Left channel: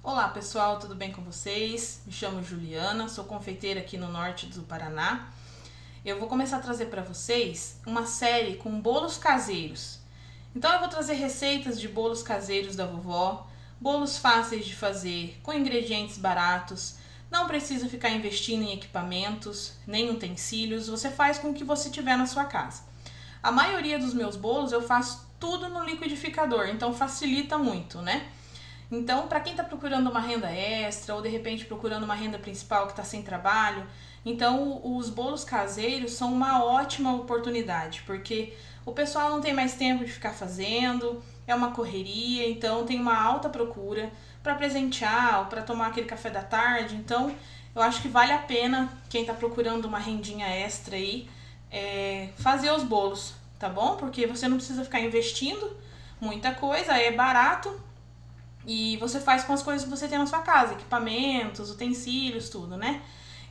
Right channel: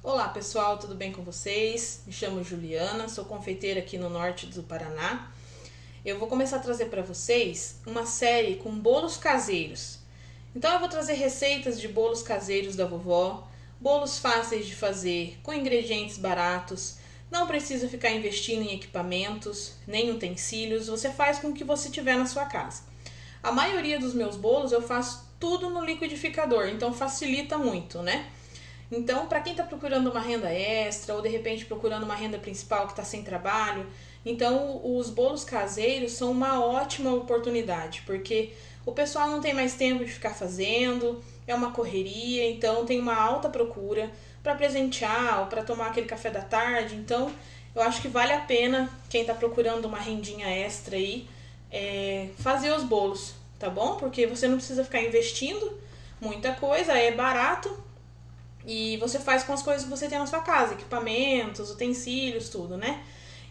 Olá pessoal, tudo bem com vocês? Me chamo Juliana, sou confeiteira aqui no norte do Paraná. Eu vou começar a trazer para vocês uma série com bolos caseiros. Então eu vou trazer receitas de bolos caseiros da vovó, bolos fáceis de fazer, com ingredientes baratos. Não precisa ficar investindo em equipamentos, nem utensílios, você faz com o que você tiver na sua casa. A maioria dos meus bolos eu faço tudo no liquidificador, então facilita muito, né? Então, para quem está procurando uma renda extra ou de repente procurando uma renda principal que está sem trabalho, então os bolos caseiros são uma ótima oportunidade, porque o pessoal não tem mais tempo de ficar fazendo, é uma correria, então tem uma alta procura para presentear ou para tomar aquele café da tarde. Então, eu acho que vale a pena quem está procurando uma rendinha extra aí fazer os bolos, tá bom? Porque você não precisa ficar investindo muita coisa, é barato. E você faz com as coisas que você tem na sua casa, equipamentos, utensílios, tudo, né?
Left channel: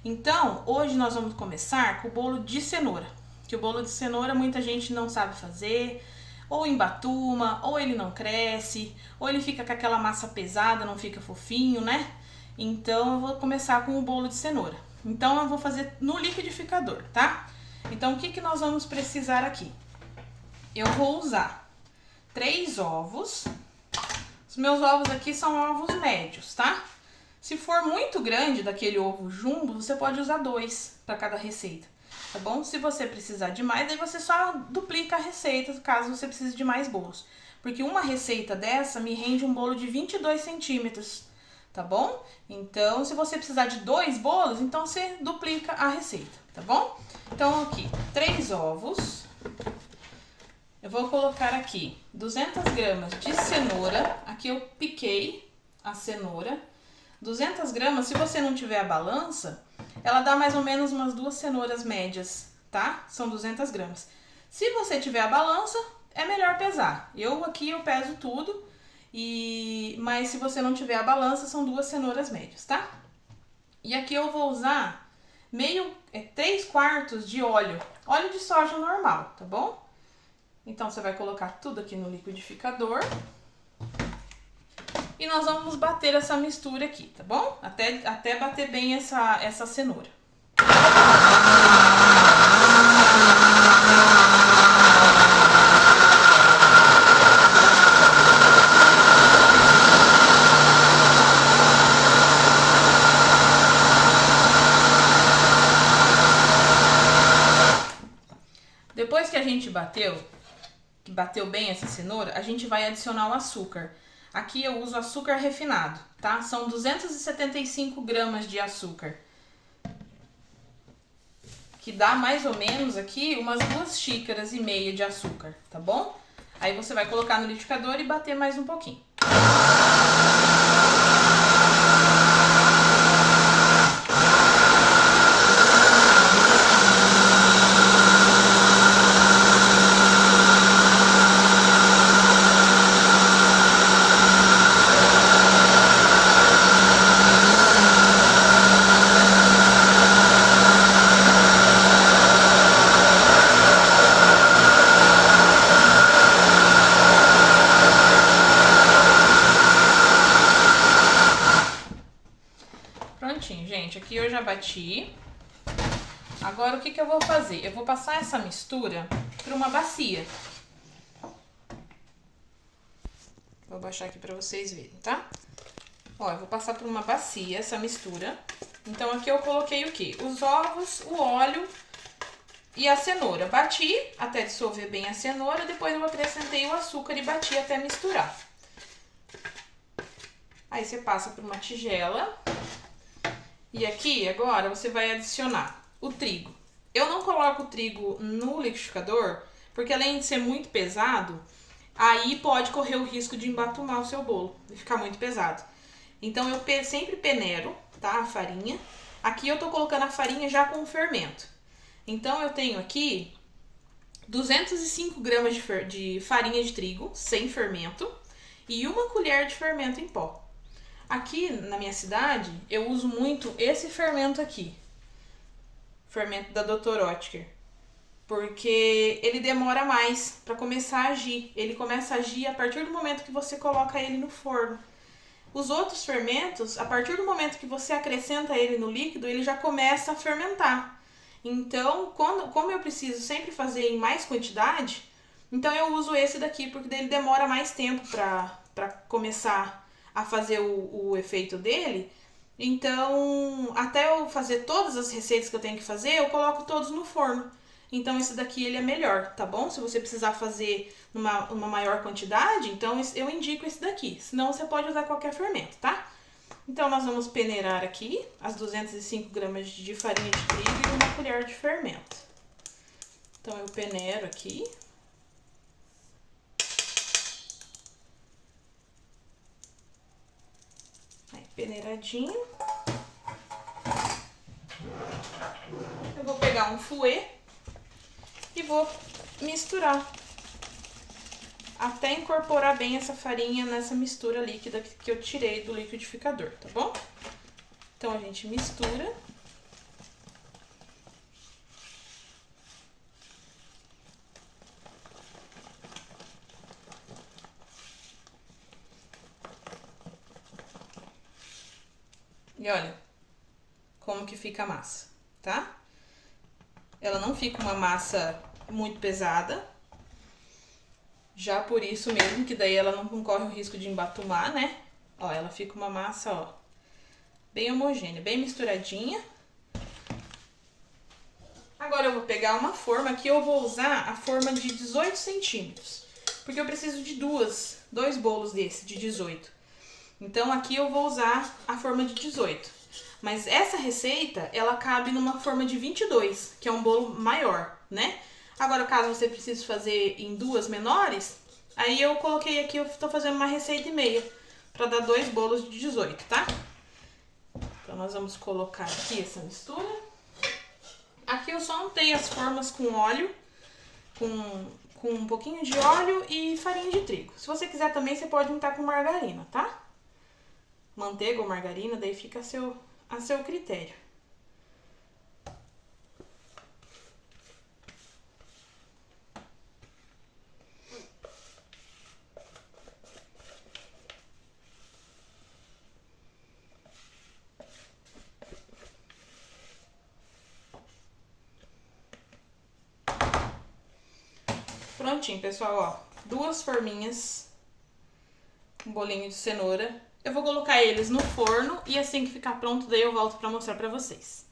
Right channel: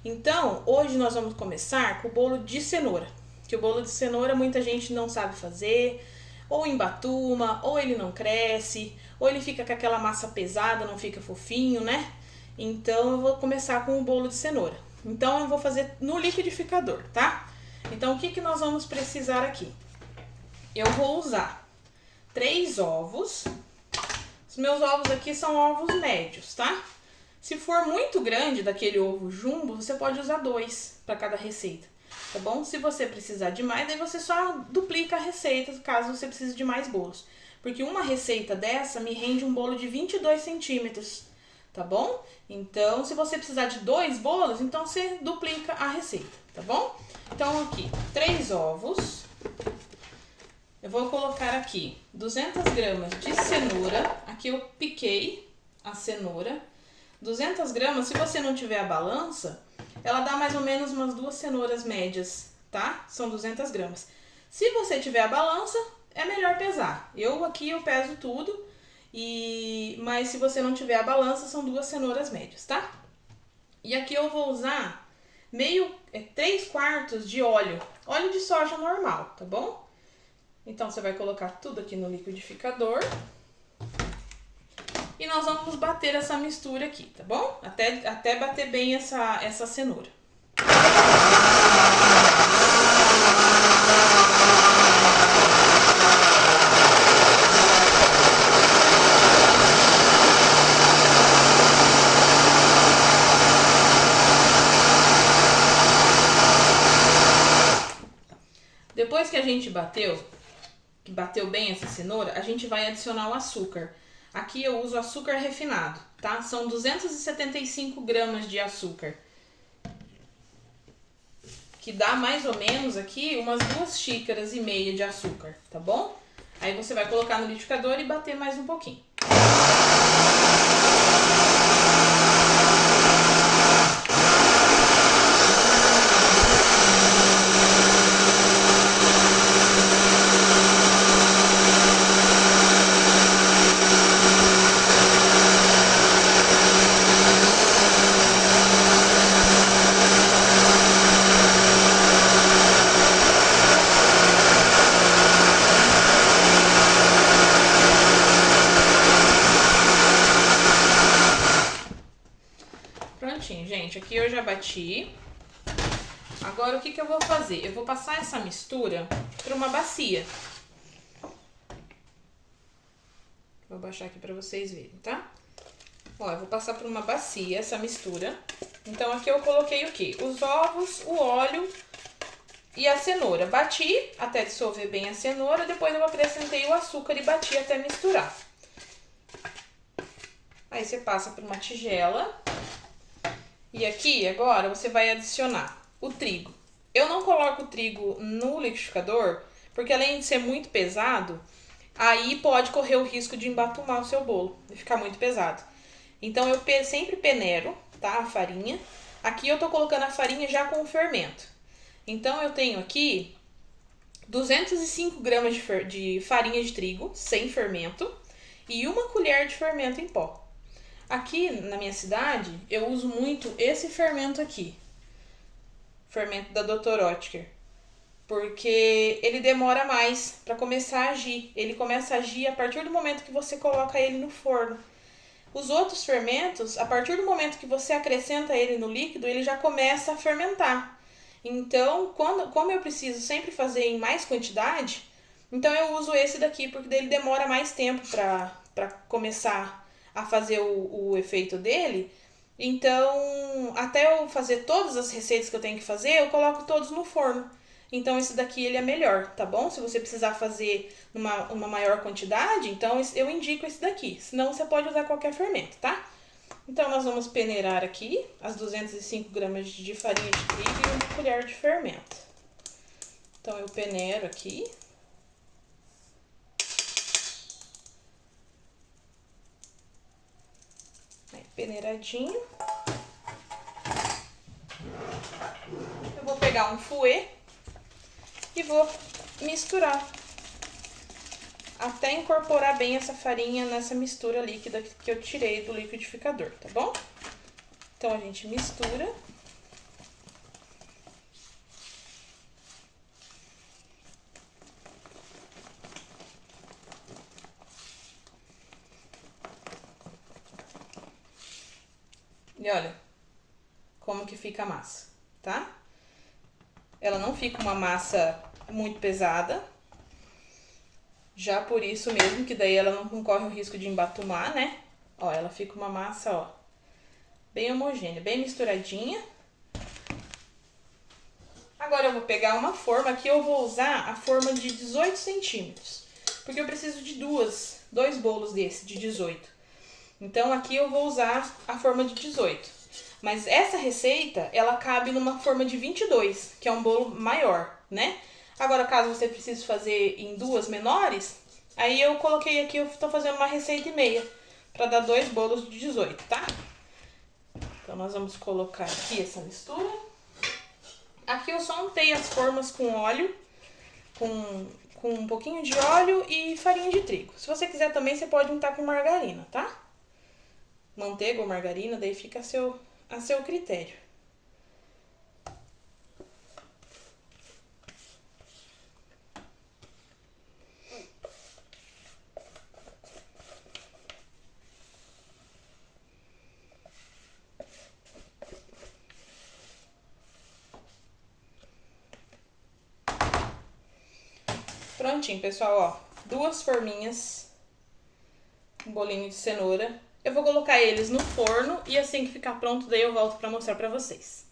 Então, hoje nós vamos começar com o bolo de cenoura. Que o bolo de cenoura muita gente não sabe fazer, ou embatuma, ou ele não cresce, ou ele fica com aquela massa pesada, não fica fofinho, né? Então, eu vou começar com o bolo de cenoura. Então, eu vou fazer no liquidificador, tá? Então, o que nós vamos precisar aqui? Eu vou usar 3 ovos. Os meus ovos aqui são ovos médios, tá? Se for muito grande daquele ovo jumbo, você pode usar 2 para cada receita, tá bom? Se você precisar de mais, daí você só duplica a receita, caso você precise de mais bolos. Porque uma receita dessa me rende um bolo de 22 centímetros, tá bom? Então, se você precisar de 2 bolos, então você duplica a receita, tá bom? Então, aqui, 3 ovos. Eu vou colocar aqui 200 gramas de cenoura. Aqui eu piquei a cenoura. 200 gramas, se você não tiver a balança, ela dá mais ou menos umas 2 cenouras médias, tá? São 200 gramas. Se você tiver a balança, é melhor pesar. Eu peso tudo, mas se você não tiver a balança, são 2 cenouras médias, tá? E aqui eu vou usar 3/4 de óleo de soja normal, tá bom? Então, você vai colocar tudo aqui no liquidificador. E nós vamos bater essa mistura aqui, tá bom? Até bater bem essa cenoura. Depois que a gente bateu bem essa cenoura, a gente vai adicionar o açúcar. Aqui eu uso açúcar refinado, tá? São 275 gramas de açúcar. Que dá mais ou menos aqui umas 2,5 xícaras de açúcar, tá bom? Aí você vai colocar no liquidificador e bater mais um pouquinho. Prontinho, gente. Aqui eu já bati. Agora, o que eu vou fazer? Eu vou passar essa mistura para uma bacia. Vou baixar aqui para vocês verem, tá? Ó, eu vou passar por uma bacia essa mistura. Então, aqui eu coloquei o quê? Os ovos, o óleo e a cenoura. Bati até dissolver bem a cenoura. Depois eu acrescentei o açúcar e bati até misturar. Aí, você passa por uma tigela. E aqui, agora, você vai adicionar o trigo. Eu não coloco o trigo no liquidificador, porque além de ser muito pesado, aí pode correr o risco de embatumar o seu bolo, de ficar muito pesado. Então, eu sempre peneiro, tá, a farinha. Aqui eu tô colocando a farinha já com o fermento. Então, eu tenho aqui 205 gramas de farinha de trigo, sem fermento, e 1 colher de fermento em pó. Aqui na minha cidade, eu uso muito esse fermento aqui. Fermento da Dr. Oetker. Porque ele demora mais para começar a agir. Ele começa a agir a partir do momento que você coloca ele no forno. Os outros fermentos, a partir do momento que você acrescenta ele no líquido, ele já começa a fermentar. Então, como eu preciso sempre fazer em mais quantidade, então eu uso esse daqui, porque ele demora mais tempo para começar a fazer o efeito dele. Então, até eu fazer todas as receitas que eu tenho que fazer, eu coloco todos no forno. Então, esse daqui ele é melhor, tá bom? Se você precisar fazer uma maior quantidade, então eu indico esse daqui. Senão, você pode usar qualquer fermento, tá? Então, nós vamos peneirar aqui as 205 gramas de farinha de trigo e uma colher de fermento. Então, eu peneiro aqui. Peneiradinho. Eu vou pegar um fouet e vou misturar até incorporar bem essa farinha nessa mistura líquida que eu tirei do liquidificador, tá bom? Então a gente mistura. E olha como que fica a massa, tá? Ela não fica uma massa muito pesada. Já por isso mesmo, que daí ela não corre o risco de embatumar, né? Ó, ela fica uma massa, ó, bem homogênea, bem misturadinha. Agora eu vou pegar uma forma, aqui eu vou usar a forma de 18 centímetros. Porque eu preciso de dois bolos desse, de 18. Então aqui eu vou usar a forma de 18. Mas essa receita, ela cabe numa forma de 22, que é um bolo maior, né? Agora, caso você precise fazer em duas menores, aí eu coloquei aqui, eu tô fazendo uma receita e meia, pra dar 2 bolos de 18, tá? Então, nós vamos colocar aqui essa mistura. Aqui eu só untei as formas com óleo, com um pouquinho de óleo e farinha de trigo. Se você quiser também, você pode untar com margarina, tá? Manteiga ou margarina, daí fica a seu critério. Prontinho, pessoal, ó, 2 forminhas, um bolinho de cenoura. Eu vou colocar eles no forno e assim que ficar pronto, daí eu volto pra mostrar pra vocês.